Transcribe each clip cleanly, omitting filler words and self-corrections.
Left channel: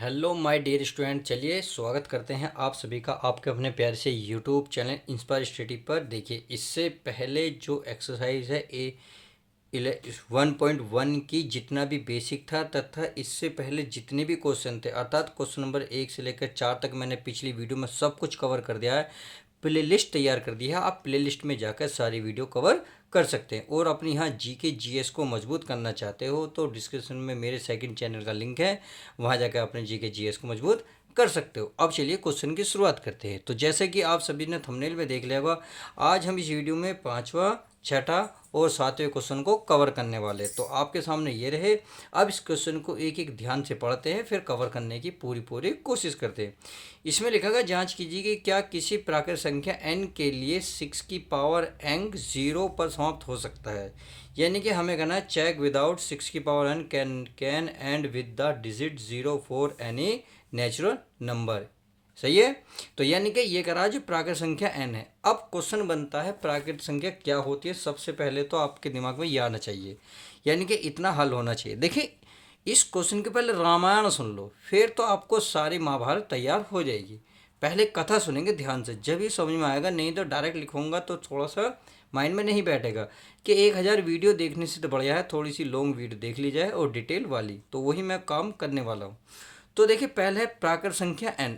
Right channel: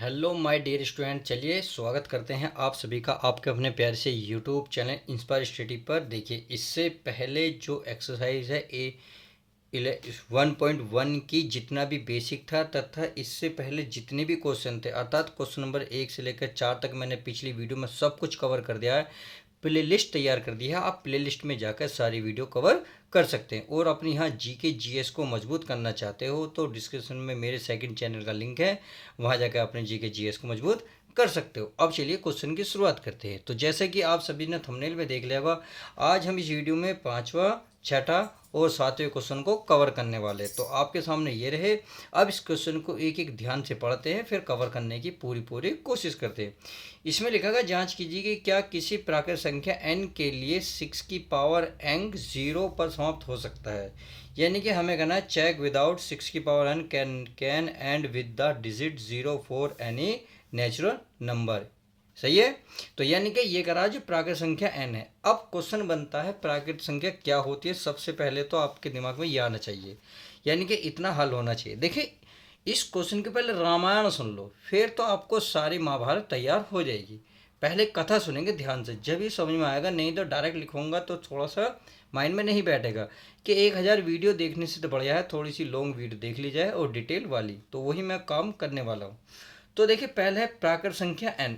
Hello my dear student, चलिए स्वागत करते हैं आप सभी का आपके अपने प्यार से यूट्यूब चैनल इंस्पायर स्टडी पर। देखिए, इससे पहले जो एक्सरसाइज है 1.1 की जितना भी बेसिक था तथा इससे पहले जितने भी क्वेश्चन थे, अर्थात क्वेश्चन नंबर 1 से लेकर 4 तक मैंने पिछली वीडियो में सब कुछ कवर कर दिया है। प्लेलिस्ट तैयार कर दी है, आप प्लेलिस्ट में जाकर सारी वीडियो कवर कर सकते हैं। और अपनी यहाँ जीके जीएस को मजबूत करना चाहते हो तो डिस्क्रिप्शन में मेरे सेकंड चैनल का लिंक है, वहाँ जाकर अपने जीके जीएस को मजबूत कर सकते हो। अब चलिए क्वेश्चन की शुरुआत करते हैं। तो जैसे कि आप सभी ने थंबनेल में देख लिया होगा, आज हम इस वीडियो में पाँचवा, छठा और सातवें क्वेश्चन को कवर करने वाले। तो आपके सामने ये रहे। अब इस क्वेश्चन को एक एक ध्यान से पढ़ते हैं, फिर कवर करने की पूरी पूरी कोशिश करते हैं। इसमें लिखा गया, जांच कीजिए कि क्या किसी प्राकृत संख्या n के लिए 6 की पावर n 0 पर समाप्त हो सकता है। यानी कि हमें कहना है चेक विदाउट 6 की power n can end with the digit 0 for any natural number. सही है। तो यानी कि ये करा जो प्राकृत संख्या n है। अब क्वेश्चन बनता है प्राकृत संख्या क्या होती है। सबसे पहले तो आपके दिमाग में ये आना चाहिए, यानी कि इतना हल होना चाहिए। देखिए, इस क्वेश्चन के पहले रामायण सुन लो, फिर तो आपको सारी महाभारत तैयार हो जाएगी। पहले कथा सुनेंगे ध्यान से, जब ही समझ में आएगा, नहीं तो डायरेक्ट लिखूंगा तो थोड़ा सा माइंड में नहीं बैठेगा। कि 1000 वीडियो देखने से तो बढ़िया है थोड़ी सी लॉन्ग वीडियो देख ली जाए और डिटेल वाली, तो वही मैं काम करने वाला हूँ। तो देखिए, पहले है प्राकृत संख्या n।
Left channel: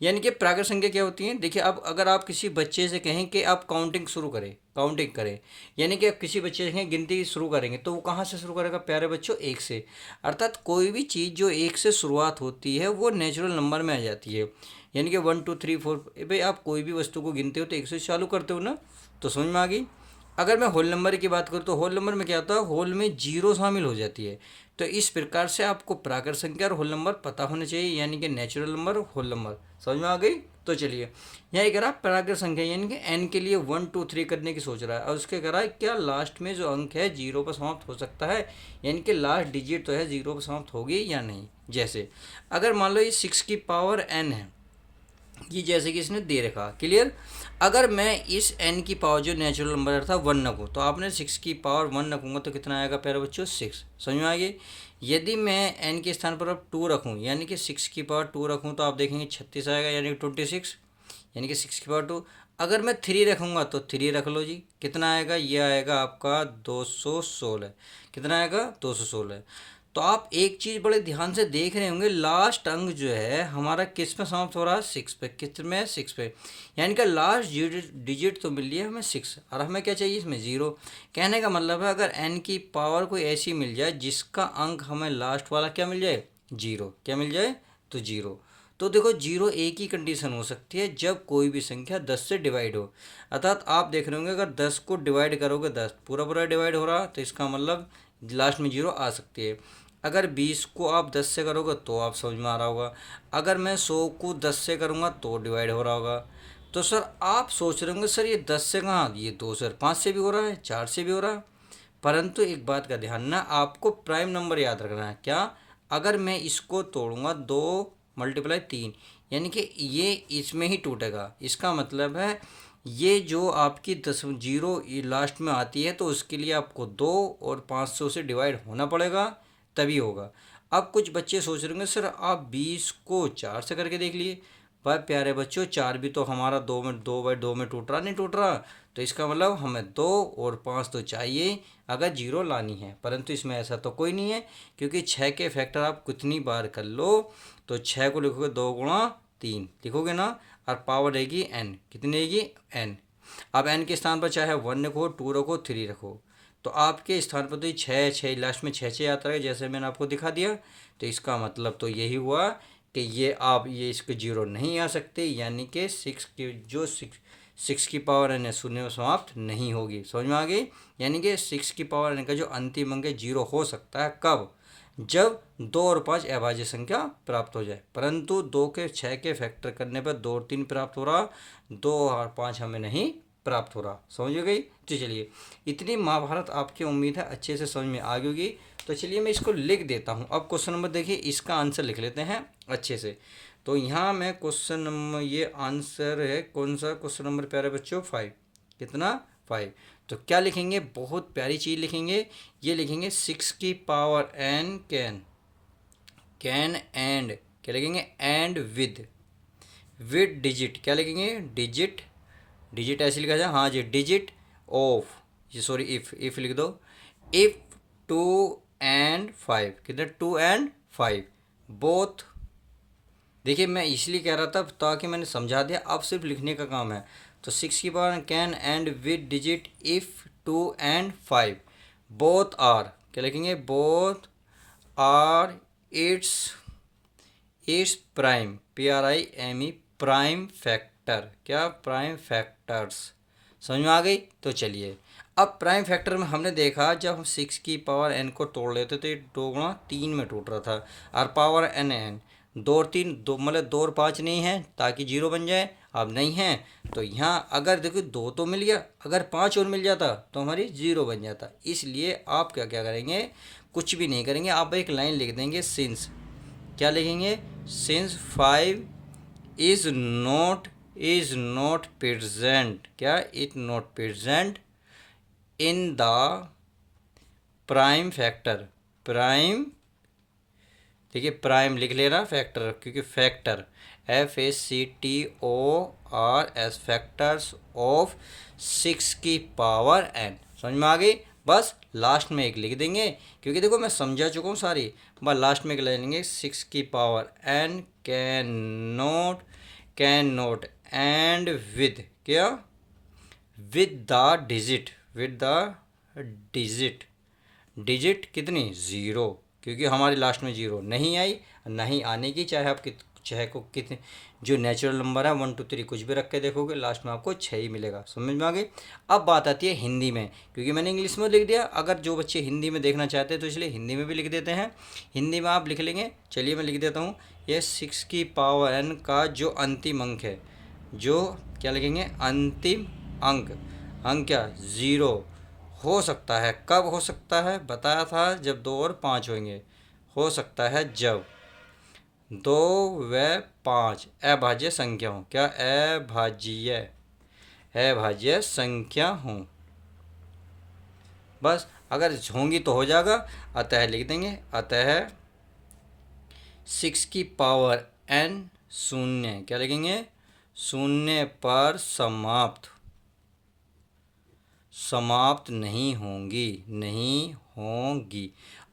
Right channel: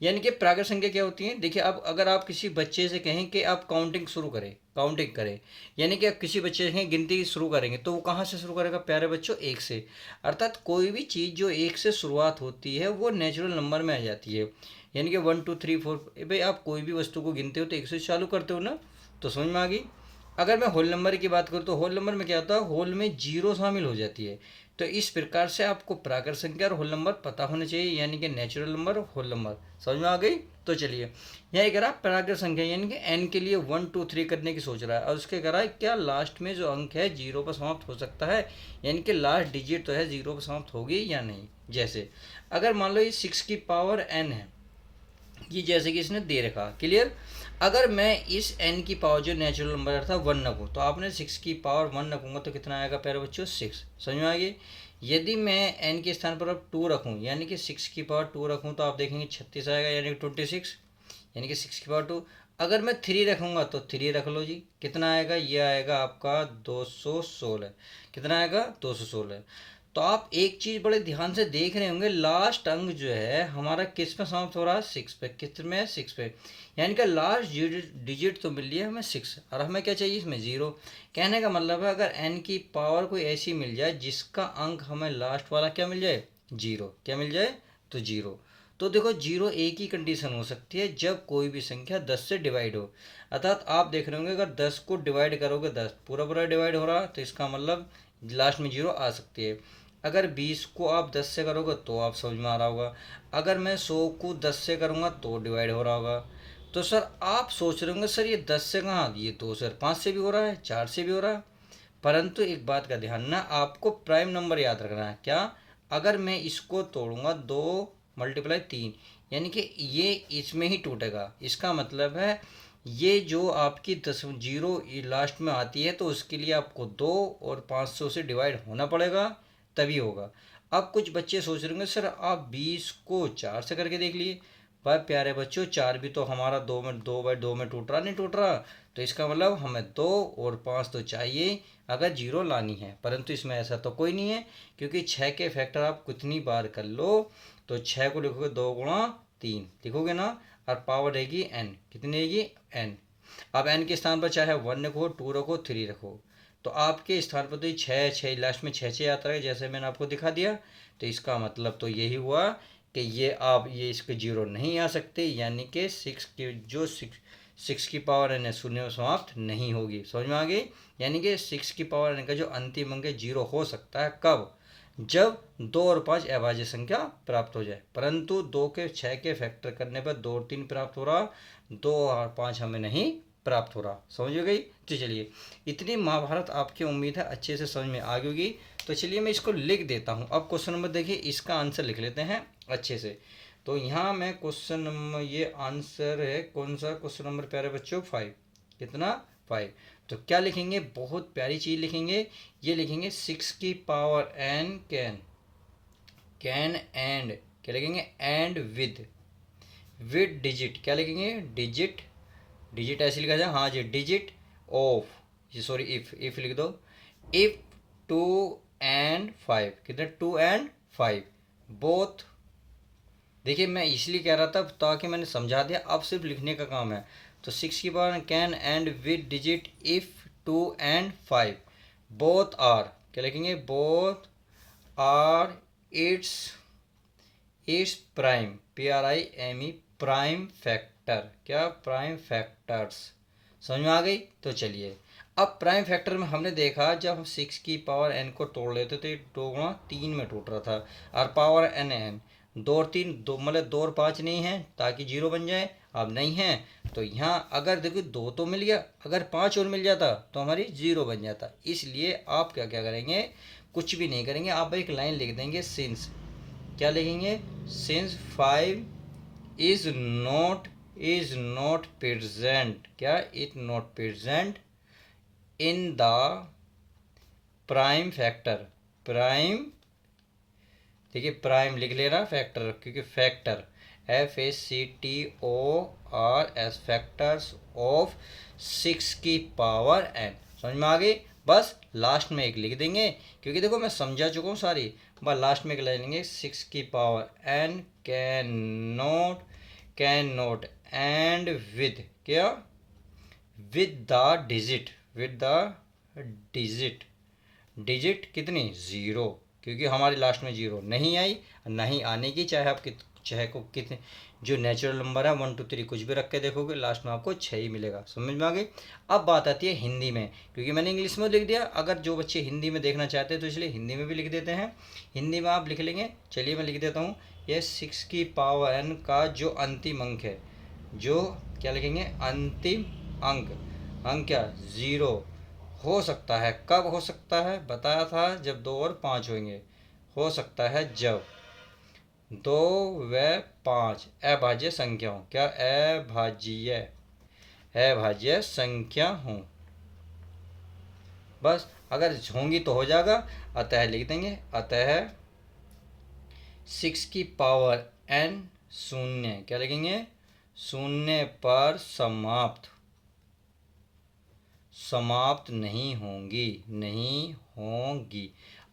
यानी कि प्राकृत संख्या क्या होती है। देखिए, अब अगर आप किसी बच्चे से कहें कि आप काउंटिंग शुरू करें, काउंटिंग करें, यानी कि आप किसी बच्चे से कहें गिनती शुरू करेंगे, तो वो कहाँ से शुरू करेगा प्यारे बच्चों, एक से। अर्थात कोई भी चीज़ जो एक से शुरुआत होती है वो नेचुरल नंबर में आ जाती है। यानी कि 1 2 3 4। भाई, आप कोई भी वस्तु को गिनते हो तो एक से चालू करते हो ना, तो समझ में आ गई। अगर मैं होल नंबर की बात करूँ तो होल नंबर में क्या होता है, होल में जीरो शामिल हो जाती है। तो इस प्रकार से आपको प्राकृत संख्या और होल नंबर पता होने चाहिए, यानी कि नेचुरल नंबर और होल नंबर। समझ में आ गई। तो चलिए, यहाँ करा प्राकृत संख्या, यानी कि एन के लिए 1 2 3 करने की सोच रहा है, और उसके करा क्या लास्ट में जो अंक है जीरो पर समाप्त हो सकता है, यानी कि लास्ट डिजिट तो है जीरो पर समाप्त होगी या नहीं। जैसे अगर मान लो ये 6 की पावर n है, ये जैसे कि इसने दे रखा, क्लियर। अगर मैं इस n की पावर जो नेचुरल नंबर था 1 रखूँ, तो आपने 6 की पावर 1 रखूँगा तो कितना आएगा प्यारे बच्चों, 6। समझ में आ गई। यदि मैं n के स्थान पर अब 2 रखूँ, यानी कि 6 की पावर 2 रखूँ, तो आप देखेंगे 36 आएगा, यानी कि 26, यानी कि 6 की पावर 2। अगर मैं 3 रखूँगा तो 3 रख लो जी, कितना आएगा, ये आएगा आपका 216। कितना आएगा, 216। तो आप एक चीज़ बड़े ध्यान से देख रहे होंगे, लास्ट अंक जो है हमारा किस में समाप्त हो रहा है, 6 पे। किस में, 6 पे। यानी कि लास्ट डिजिट तो मिल लिया हमें 6, और हमें क्या चाहिए इसमें, 0। कहने का मतलब है अगर n की पावर कोई ऐसी मिल जाए जिसका अंक हमें लास्ट वाला क्या मिल जाए, 0। क्या मिल जाए, तो 0। तो देखो, 0 एक ही कंडीशन हो सकती है, जब कोई भी संख्या 10 से डिवाइड हो। अर्थात आप देख रहे होंगे, अगर 10 को डिवाइड करोगे, 10 पूरा पूरा डिवाइड हो रहा, तो इसका मतलब लास्ट में 0 आ सकती है। अगर 20 को आप 10 से करोगे तो आप समझ में आ रहा होगा। अगर मैं 100 को 10 से करूँगा तो डिवाइड हो रहा होगा। तो सर आप सोच रहे होंगे, सर ये 10 से कहाँ, ये 2 सर 5 से भी हो रहा है, 4 से भी हो रहा है। परंतु एक बात का ध्यान ना, आपको प्राइम नंबर याद रखना है। क्या, अगर मैं इसको तोड़ूंगा, 2 मल्टीप्लाई 3, यानी कि ये इसमें ही टूटेगा। इसका मतलब है ये जो आपकी 10 जीरो लास्ट में आती है, तो उसके लिए आपको 2 और 500 से डिवाइड होना पड़ेगा, तभी होगा। अब कुछ बच्चे सोच रहे होंगे, सर आप 20 को 4 से करके देख लिए। पर प्यारे बच्चों, 4 भी तो हमारा 2 में टूट रहा, नहीं टूट रहा। तो इसका मतलब हमें 2 और 5 तो चाहिए अगर जीरो लानी है, परंतु इसमें ऐसा तो कोई नहीं है, क्योंकि 6 के फैक्टर आप कितनी बार कर लो, तो 6 को लिखोगे 2 गुणा 3 लिखोगे ना, और पावर रहेगी n, कितनी रहेगी, n। अब n के स्थान पर चाहे 1 रखो, 2 रखो, 3 रखो, तो आपके स्थान पर तो ये 6 लास्ट में 6 आता है, जैसे मैंने आपको दिखा दिया। तो इसका मतलब तो यही हुआ कि ये आप ये इसके जीरो नहीं आ सकते, यानी कि 6 की जो 6 की पावर n है शून्य में समाप्त नहीं होगी। समझ में आ गई। यानी कि 6 की पावर n का जो अंतिम अंक है जीरो हो सकता है कब, जब 2 और 5 अभाज्य संख्या प्राप्त हो जाए। परंतु 2 के 6 के फैक्टर करने पर 2 और 3 प्राप्त हो रहा, 2 और 5 हमें नहीं प्राप्त हो रहा। समझ गई। तो चलिए, इतनी महाभारत आपकी उम्मीद है अच्छे से समझ में आ गई होगी। तो चलिए मैं इसको लिख देता हूँ। अब क्वेश्चन नंबर देखिए, इसका आंसर लिख लेते हैं अच्छे से। तो यहाँ मैं क्वेश्चन नंबर, ये आंसर है कौन सा क्वेश्चन नंबर प्यारे बच्चों, 5। कितना, 5। तो क्या लिखेंगे, बहुत प्यारी चीज़ लिखेंगे, ये लिखेंगे 6 की power n can can and क्या लिखेंगे, एंड विद डिजिट क्या लिखेंगे, डिजिट, डिजिट ऐसे लिखा जाए, हाँ जी, डिजिट ऑफ, ये सॉरी इफ लिख दो, इफ 2 and 5, कितने 2 and 5 बोथ। देखिए मैं इसलिए कह रहा था ताकि मैंने समझा दिया, अब सिर्फ लिखने का काम है। तो 6 can end with digit if 2 and 5 both are क्या लिखेंगे, both are it's it's prime, PRIME prime factor, क्या प्राइम फैक्टर्स, समझ में आ गई। तो चलिए अब प्राइम फैक्टर में हमने देखा जब हम 6 की पावर n को तोड़ लेते तो ये 2 गुणा 3 में टूट रहा था, और पावर n दो और तीन, दो मतलब 2 और 5 नहीं है ताकि 0 बन जाए, अब नहीं है। तो यहाँ अगर देखिए 2 तो मिल गया, अगर 5 और मिल जाता तो हमारी 0 बन जाता। इसलिए आप क्या क्या करेंगे, कुछ भी नहीं करेंगे, आप एक लाइन लिख देंगे सिंस, क्या लिखेंगे, सिंस 5 इज नॉट प्रेजेंट, क्या it not present in the prime factor, prime, देखिए प्राइम लिख लेना फैक्टर, क्योंकि फैक्टर FACTORS फैक्टर्स ऑफ 6 की पावर n, समझ में आ गई। बस लास्ट में एक लिख देंगे, क्योंकि देखो मैं समझा चुका हूँ सारी, बस लास्ट में एक ले लेंगे 6 की power n can not end with क्या, with the digit, with the digit, digit कितनी 0, क्योंकि हमारी लास्ट में 0 नहीं आई, नहीं आने की, चाहे आप चाहे को कितने जो नेचुरल नंबर है 1 2 3 कुछ भी रख के देखोगे लास्ट में आपको 6 ही मिलेगा, समझ में आ गई। अब बात आती है हिंदी में, क्योंकि मैंने इंग्लिश में लिख दिया, अगर जो बच्चे हिंदी में देखना चाहते हैं तो इसलिए हिंदी में भी लिख देते हैं, हिंदी में आप लिख लेंगे। चलिए मैं लिख देता हूँ, ये 6 की पावर n का जो अंतिम अंक है, जो क्या लिखेंगे, अंतिम अंक, अंक क्या 0 हो सकता है, कब हो सकता है बताया था, जब 2 और 5 होंगे, हो सकता है जब 2 व 5 अभाज्य संख्या हो, क्या अभाज्य संख्या हो, बस अगर होंगी तो हो जाएगा, अतः लिख देंगे, अतः 6 की पावर n शून्य, क्या लिखेंगे, शून्य पर समाप्त नहीं होंगी,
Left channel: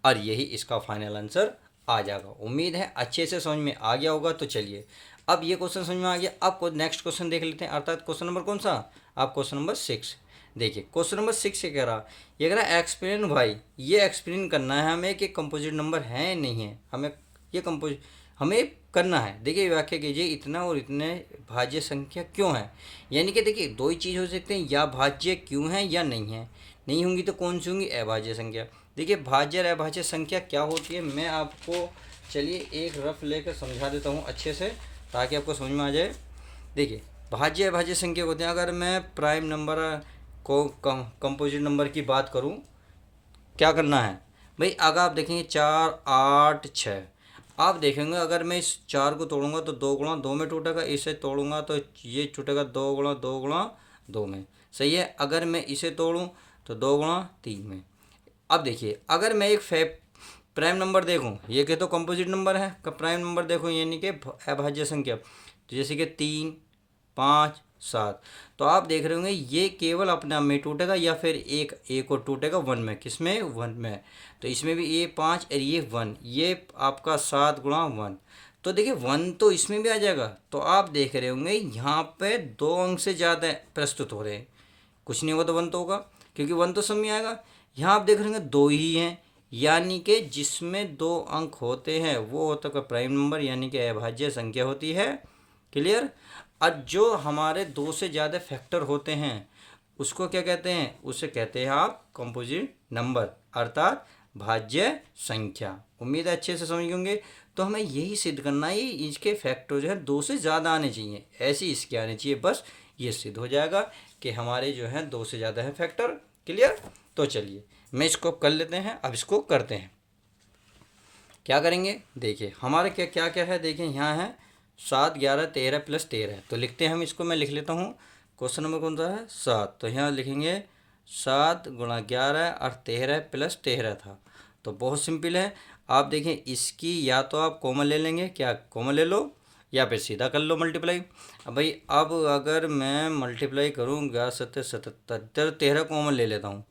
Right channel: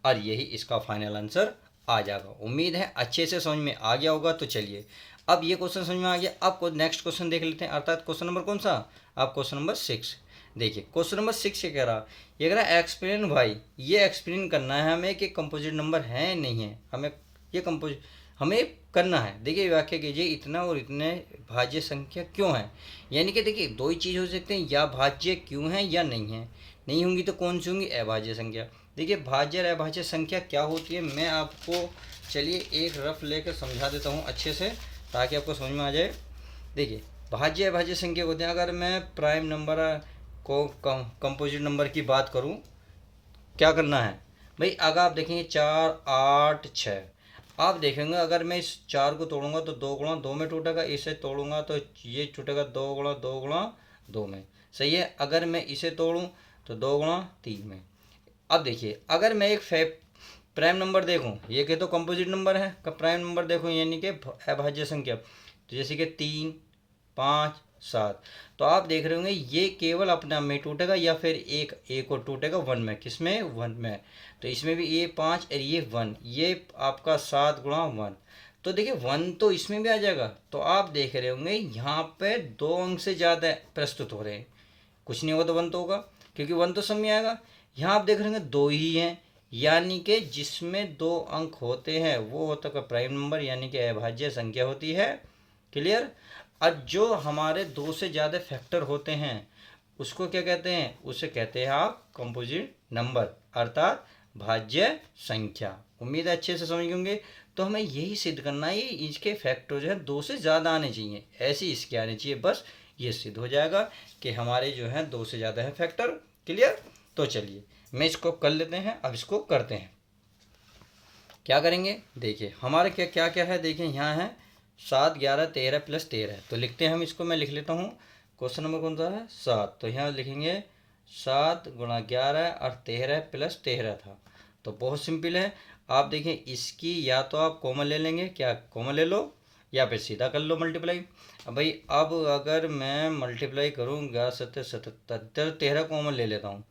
और यही इसका फाइनल आंसर आ जाएगा। उम्मीद है अच्छे से समझ में आ गया होगा। तो चलिए अब ये क्वेश्चन समझ में आ गया, अब को नेक्स्ट क्वेश्चन देख लेते हैं, अर्थात क्वेश्चन नंबर कौन सा, अब क्वेश्चन नंबर 6। देखिए क्वेश्चन नंबर 6 ये कह रहा, ये कह रहा एक्सप्लेन भाई, ये एक्सप्लेन करना है हमें कि कंपोजिट नंबर है नहीं है, हमें ये कंपोजिट हमें करना है। देखिए व्याख्या कीजिए, इतना और इतने भाज्य संख्या क्यों है, यानी कि देखिए दो ही चीज़ हो सकते हैं, या भाज्य क्यों है या नहीं है, नहीं होंगी तो कौन सी होंगी, अभाज्य संख्या। देखिए भाज्य और अभाज्य संख्या क्या होती है, मैं आपको चलिए एक रफ लेकर समझा देता हूँ अच्छे से, ताकि आपको समझ में आ जाए। देखिए भाज्य अभाज्य संख्या होते हैं, अगर मैं प्राइम नंबर को कंपोजिट नंबर की बात करूँ, क्या करना है भाई, अगर आप देखेंगे 4 8 6, आप देखेंगे अगर मैं इस 4 को तोड़ूंगा तो 2 गुणा 2 में टूटेगा, इसे तोड़ूंगा तो ये टूटेगा 2 गुणा 2 गुणा 2 में, सही है। अगर मैं इसे तोड़ूं तो 2 गुणा 3 में। अब देखिए अगर मैं एक प्राइम नंबर देखूं, ये के तो कंपोजिट नंबर है, का प्राइम नंबर देखूं यानी कि अभाज्य संख्या, तो जैसे कि 3 5 7, तो आप देख रहे होंगे ये केवल अपने आप में टूटेगा, या फिर एक और टूटेगा 1 में, किसमें 1 में, तो इसमें भी ये 5 और ये 1, ये आपका 7 गुणा 1, तो देखिए 1 तो इसमें भी आ जाएगा। तो आप देख रहे होंगे यहाँ पे 2 अंक से ज़्यादा प्रस्तुत हो रहे हैं, कुछ नहीं होगा तो 1 तो होगा, क्योंकि 1 तो सब में आएगा। यहाँ आप देख रहे होंगे 2 ही हैं, यानी कि जिसमें 2 अंक होते हैं वो होता है प्राइम नंबर, यानी कि अभाज्य संख्या होती है, क्लियर। और जो हमारे 2 से ज़्यादा फैक्टर होते हैं उसको क्या कहते हैं, उसे कहते हैं आप कंपोजिट नंबर, अर्थात भाज्य संख्या। उम्मीद है अच्छे से समझ गए होंगे। तो हमें यही सिद्ध करना है, इसके फैक्टर जो है 2 से ज़्यादा आने चाहिए, ऐसे इसके आने चाहिए, बस ये सिद्ध हो जाएगा कि हमारे जो है 2 से ज़्यादा है फैक्टर, क्लियर। तो चलिए मैं इसको कर लेते हैं, अब इसको करते हैं, क्या करेंगे। देखिए हमारे क्या क्या क्या है, देखिए यहाँ है 7 11 13 प्लस 13, तो लिखते हैं हम इसको, मैं लिख लेता हूँ, क्वेश्चन नंबर कौन सा है 7, तो यहाँ लिखेंगे 7 गुणा 11 और 13 प्लस 13 था, तो बहुत सिंपल है। आप देखें इसकी या तो आप कॉमन ले लेंगे, क्या कॉमन ले लो, या फिर सीधा कर लो मल्टीप्लाई। अब भाई अब अगर मैं मल्टीप्लाई करूँ 11×7=77, 13 कॉमन ले लेता हूँ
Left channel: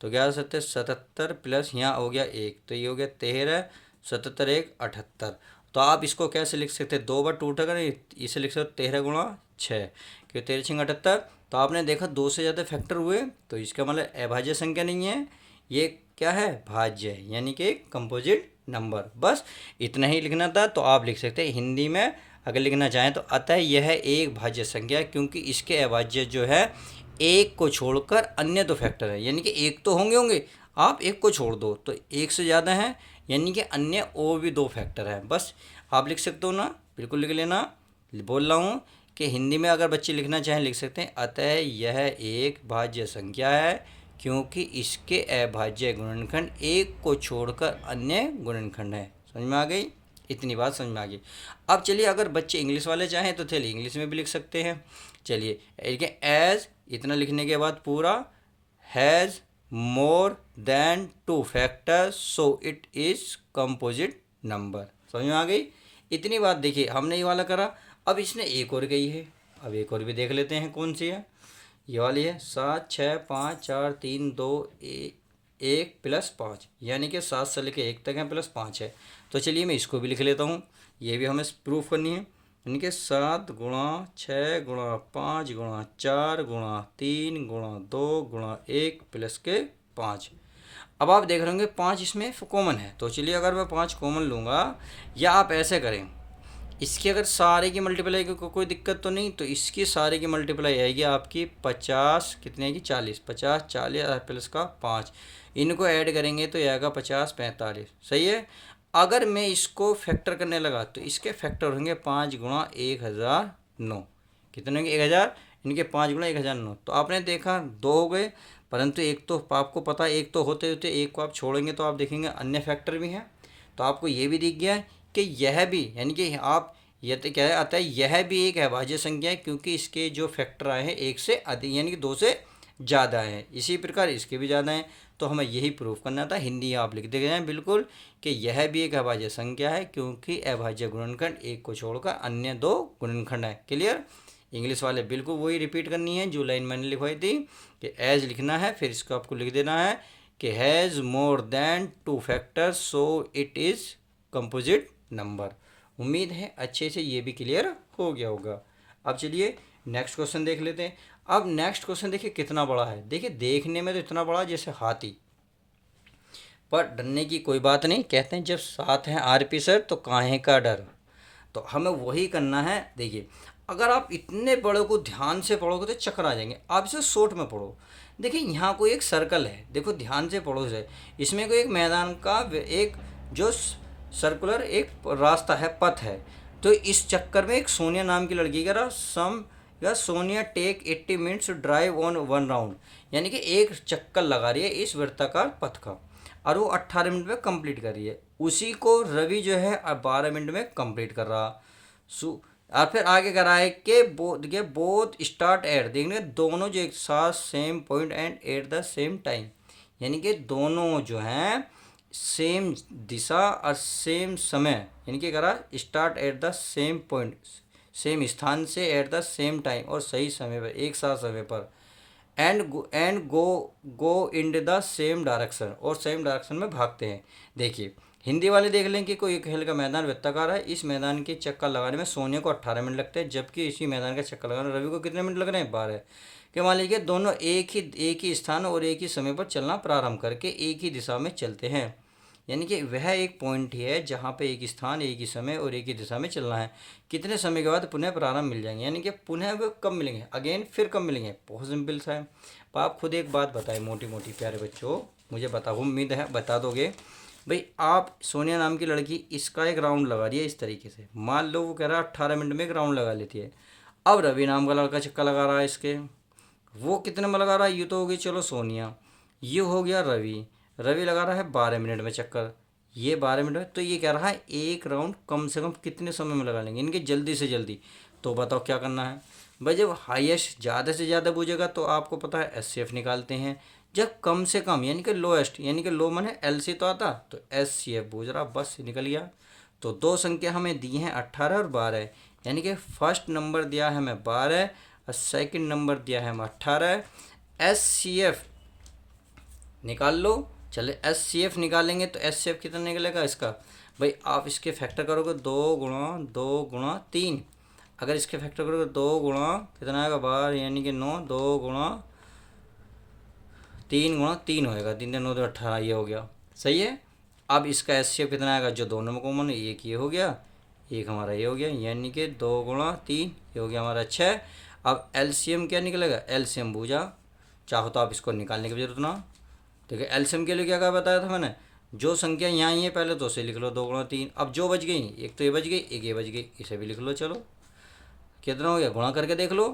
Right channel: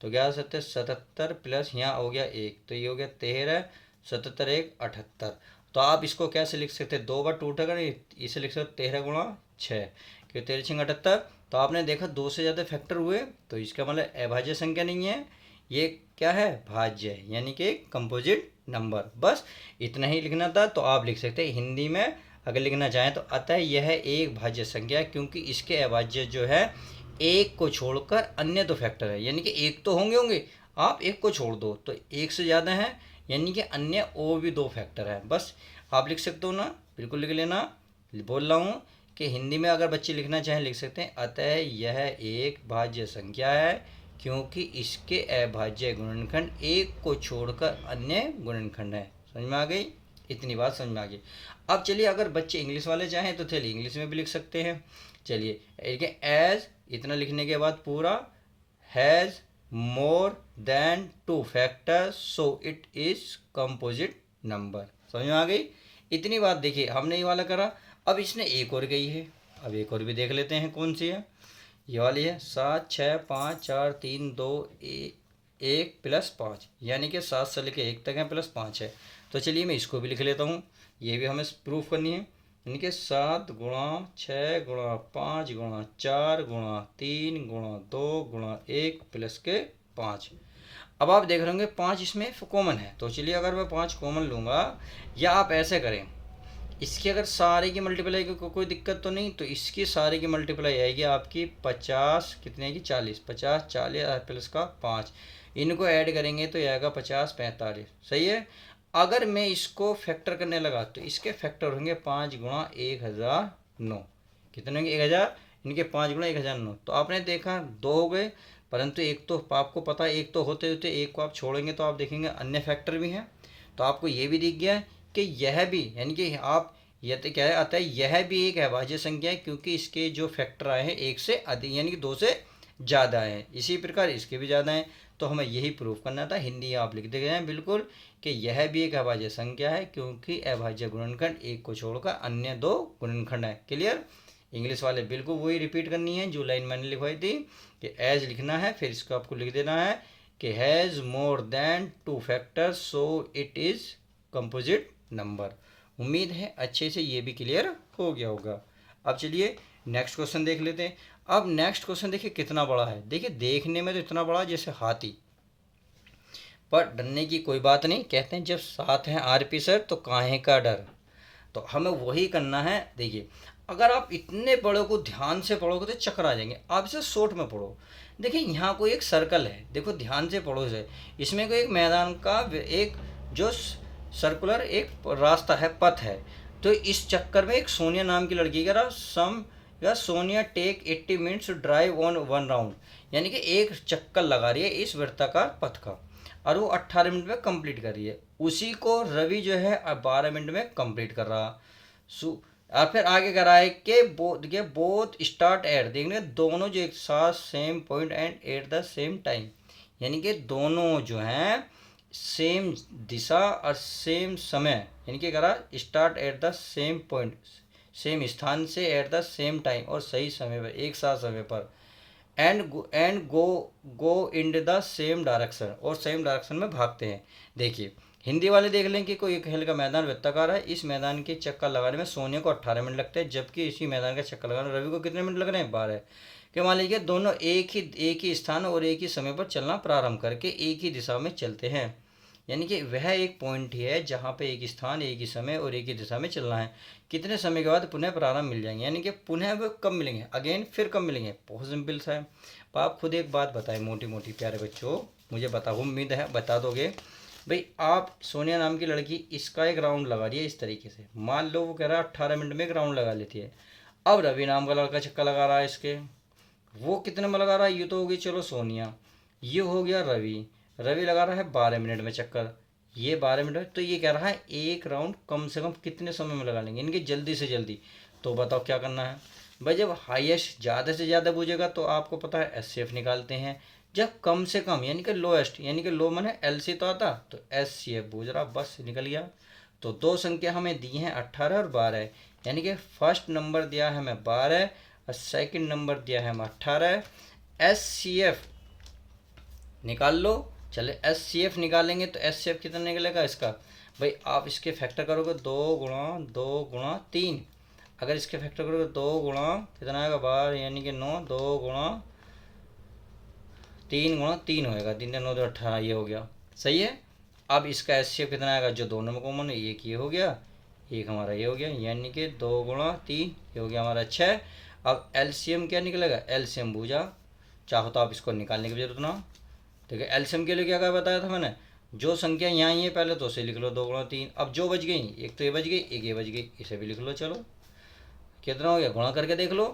तो 11×7=77 प्लस यहाँ हो गया 1, तो ये हो गया 13, 77×1=78। तो आप इसको कैसे लिख सकते हैं, 2 बार 2 उठेगा नहीं, इसे लिख सकते 13×6, क्योंकि 13×6=78। तो आपने देखा 2 से ज़्यादा फैक्टर हुए तो इसका मतलब अभाज्य संख्या नहीं है, ये क्या है, भाज्य है, यानी कि कंपोजिट नंबर। बस इतना ही लिखना था। तो आप लिख सकते हैं हिंदी में अगर लिखना चाहें तो अतः यह एक भाज्य संख्या है क्योंकि इसके अभाज्य जो है एक को छोड़कर अन्य दो फैक्टर है, यानी कि एक तो होंगे होंगे, आप एक को छोड़ दो तो एक से ज़्यादा है, यानी कि अन्य और भी दो फैक्टर है। बस आप लिख सकते हो ना, बिल्कुल लिख लेना। बोल रहा हूँ कि हिंदी में अगर बच्चे लिखना चाहें लिख सकते हैं अतः यह एक भाज्य संख्या है क्योंकि इसके अभाज्य गुणनखंड एक को छोड़कर अन्य गुणनखंड है। समझ में आ गई, इतनी बात समझ में आ गई। अब चलिए अगर बच्चे इंग्लिश वाले चाहें तो चलिए इंग्लिश में भी लिख सकते हैं। चलिए देखिए एज, इतना लिखने के बाद पूरा, has more than 2 factors so it is composite number. समझ में आ गई, इतनी बात। देखिए हमने ये वाला करा, अब इसने एक और कही है, अब एक और भी देख लेते हैं कौन सी है। ये वाली है 7, 6, 5, 4, 3, 2, 1 प्लस 5, यानी कि 7 से लेकर 1 तक है प्लस 5 है। तो चलिए मैं इसको भी लिख लेता हूँ, ये भी हमें प्रूफ करनी है। यानी कि 7×6×5×4×3×2×1 प्लस के 5। अब आप देख रहे होंगे 5 इसमें कॉमन है, तो चलिए अगर मैं 5 कॉमन लूँगा, या आप ऐसे करें, इसकी अगर सारे की मल्टीप्लाई कोई दिक्कत तो नहीं, तो इसकी सारे की मल्टीप्लाई आएगी आपकी 50, कितनी आएगी 40, 50 40 प्लस का 5, इनको ऐड करेंगे तो आएगा 50 45। सही है। अगर मैं इसको फैक्टर करने लगा तो इसके फैक्टर होंगे 5×1009, कितने होंगे 1000, इनके 5×1009। तो आपने देखा 2 हो गए, परंतु एक तो आपको पता है एक तो होते होते एक को आप छोड़ेंगे तो आप देखेंगे अन्य फैक्टर भी हैं। तो आपको ये भी दिख गया कि यह भी, यानी कि आप यह तो क्या है आता है, यह भी एक अभाज्य संख्या है क्योंकि इसके जो फैक्टर आए हैं एक से अधिक, यानी कि 2 से ज़्यादा है, इसी प्रकार इसके भी ज़्यादा हैं। तो हमें यही प्रूफ करना था। हिंदी आप लिख दे गए हैं बिल्कुल कि यह भी एक अभाज्य संख्या है क्योंकि अभाज्य गुणनखंड एक को छोड़कर अन्य दो गुणनखंड है। क्लियर। इंग्लिश वाले बिल्कुल वही रिपीट करनी है जो लाइन मैंने लिखवाई थी कि एज लिखना है, फिर इसको आपको लिख देना है कि has more than 2 factors so it is composite number. उम्मीद है अच्छे से ये भी क्लियर हो गया होगा। अब चलिए नेक्स्ट क्वेश्चन देख लेते हैं। अब नेक्स्ट क्वेश्चन देखिए कितना बड़ा है, देखिए देखने में तो इतना बड़ा जैसे हाथी, पर डरने की कोई बात नहीं। कहते हैं जब साथ हैं आरपी सर तो काहे का डर। तो हमें वही करना है। देखिए अगर आप इतने बड़े को ध्यान से पढ़ोगे तो चक्कर आ जाएंगे, आप इसे शॉर्ट में पढ़ो। देखिए यहाँ कोई एक सर्कल है, देखो ध्यान से पढ़ो इसे। इसमें कोई एक मैदान का एक जो सर्कुलर एक रास्ता है, पथ है। तो इस चक्कर में एक सोनिया नाम की लड़की कह रहा सम या Sonia take 80 minutes drive on 1 round, यानी कि एक चक्कर लगा रही है इस वृत्ताकार पथ का और वो 18 मिनट में कंप्लीट कर रही है। उसी को रवि जो है 12 मिनट में कंप्लीट कर रहा। और फिर आगे करा है कि बोथ स्टार्ट एट, देखने दोनों जो एक साथ same point and at the same time, यानी कि दोनों जो हैं सेम दिशा और सेम समय, यानी कि करा start at the same point, same स्थान से एट द सेम टाइम और सही समय पर, एक साथ समय पर, and go in the same direction, और सेम डायरेक्शन में भागते हैं। देखिए हिंदी वाले देख लें कि कोई खेल का मैदान वृत्ताकार है, इस मैदान के चक्कर लगाने में सोनिया को 18 मिनट लगते हैं, जबकि इसी मैदान का चक्कर लगाने में रवि को कितने मिनट लग रहे हैं 12। कि मान लीजिए दोनों एक ही स्थान और एक ही समय पर चलना प्रारंभ करके एक ही दिशा में चलते हैं, यानी कि वह एक पॉइंट ही है जहाँ पे एक स्थान एक ही समय और एक ही दिशा में चलना है। कितने समय के बाद पुनः प्रारंभ मिल जाएंगे, यानी कि पुनः वो कब मिलेंगे, अगेन फिर कब मिलेंगे, बहुत सिंपल सा है। तो आप खुद एक बात बताएं मोटी मोटी प्यारे बच्चों, मुझे बताओ, उम्मीद है बता दोगे। भाई आप सोनिया नाम की लड़की इसका एक राउंड लगा रही है इस तरीके से, मान लो वो कह रहा है 18 मिनट में एक राउंड लगा लेती है। अब रवि नाम का लड़का चक्कर लगा रहा है इसके, वो कितने में लगा रहा है, ये तो होगी चलो सोनिया, ये हो गया रवि, रवि लगा रहा है 12 मिनट में चक्कर, ये 12 मिनट में, तो ये कह रहा है एक राउंड कम से कम कितने समय में लगा लेंगे इनके, जल्दी से जल्दी। तो बताओ क्या करना है भाई, जब हाईएस्ट ज़्यादा से ज़्यादा पूछेगा तो आपको पता है एचसीएफ निकालते हैं, जब कम से कम यानी कि लोएस्ट, यानी कि लो माने एल सी तो आता, तो एस सी एफ पूछ रहा, बस निकल गया। तो दो संख्या हमें दी हैं 18 और 12, यानी कि फर्स्ट नंबर दिया है हमें 12 और सेकंड नंबर दिया है हमें 18। एस सी एफ निकाल लो। चले एस सी एफ निकालेंगे तो एस सी एफ कितना निकलेगा इसका, भाई आप इसके फैक्टर करोगे 2 × 2 × 3, अगर इसके फैक्टर करोगे 2 गुणा कितना आएगा 12 यानी कि 9, 2 × 3 × 3 होएगा, 3 × 9 = 18, ये हो गया सही है। अब इसका एस सी एफ कितना आएगा, जो दोनों में कॉमन है, एक ये हो गया, एक हमारा ये हो गया, यानी कि 2 × 3 ये हो गया हमारा 6। अब एलसीएम क्या निकलेगा, एलसीएम बूझा, चाहो तो आप इसको निकालने की जरूरत ना। देखिए एलसीएम के लिए क्या क्या बताया था मैंने, जो संख्या यहाँ ही है पहले तो उसे लिख लो 2 × 3। अब जो बच गई, एक तो ये बच गई, एक ये बच गई, इसे भी लिख लो। चलो कितना हो गया, गुणा करके देख लो,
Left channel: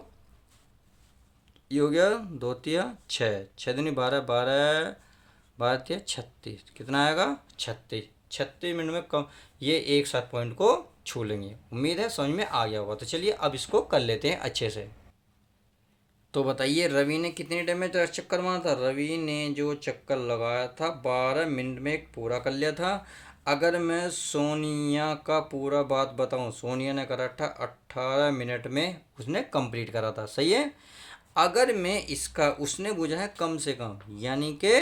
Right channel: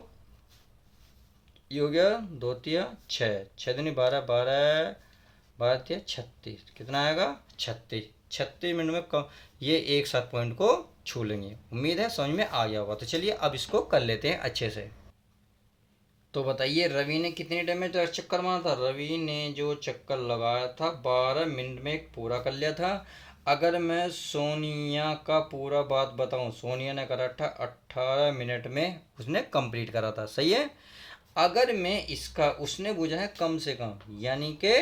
ये हो गया 2 × 6, 6 × 12, 12 12 × 36, कितना आएगा 36। 36 मिनट में कम ये एक साथ पॉइंट को छू लेंगे। उम्मीद है समझ में आ गया होगा। तो चलिए अब इसको कर लेते हैं अच्छे से। तो बताइए रवि ने कितने टाइम में चक्कर मारा था, रवि ने जो चक्कर लगाया था 12 मिनट में एक पूरा कर लिया था। अगर मैं सोनिया का पूरा बात बताऊं, सोनिया ने करा था 18 मिनट में उसने कंप्लीट करा था, सही है। अगर मैं इसका, उसने बुझा है कम से कम, यानी कि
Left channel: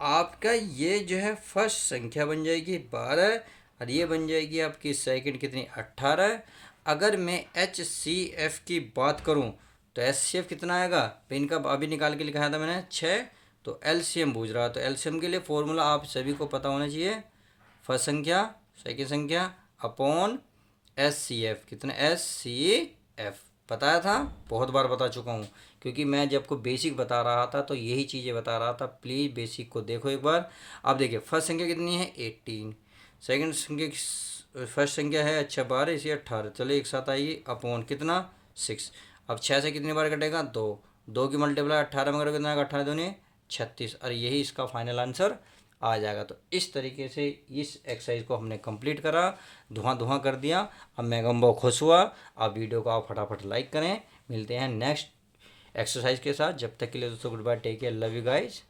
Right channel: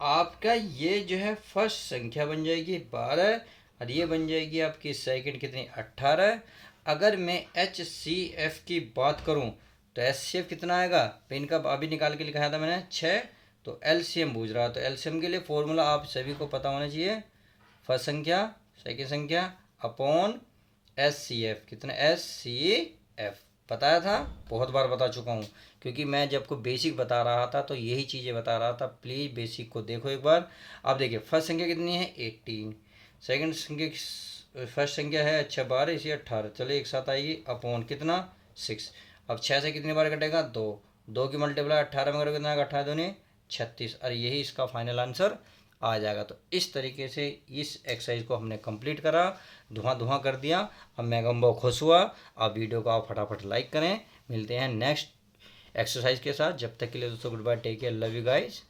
आपका ये जो है फर्स्ट संख्या बन जाएगी 12 और ये बन जाएगी आपकी सेकंड कितनी 18। अगर मैं एच सी एफ की बात करूं तो एच सी एफ कितना आएगा, तो इनका अभी निकाल के लिखाया था मैंने 6। तो एल सी एम पूछ रहा, तो एल सी एम के लिए फॉर्मूला आप सभी को पता होना चाहिए, फर्स्ट संख्या सेकंड संख्या अपॉन एस सी एफ, कितना एस सी एफ बताया था, बहुत बार बता चुका हूँ, क्योंकि मैं जब को बेसिक बता रहा था तो यही चीज़ें बता रहा था। प्लीज़ बेसिक को देखो एक बार। अब देखिए फर्स्ट संख्या कितनी है 18, सेकंड संख्या फर्स्ट संख्या है अच्छा 12, इसी 18, चलो एक साथ आएगी अपॉन कितना 6। अब 6 से कितनी बार कटेगा 2, 2 की मल्टीप्लाई 18 में करोगे कितना आएगा 18 दूनी 36, और यही इसका फाइनल आंसर आ जाएगा। तो इस तरीके से इस एक्सरसाइज को हमने कंप्लीट करा, धुआं धुआं कर दिया। अब मैं गम बहुत खुश हुआ। आप वीडियो को आप फटाफट लाइक करें। मिलते हैं नेक्स्ट एक्सरसाइज के साथ, जब तक के लिए दोस्तों goodbye, take care, love you guys.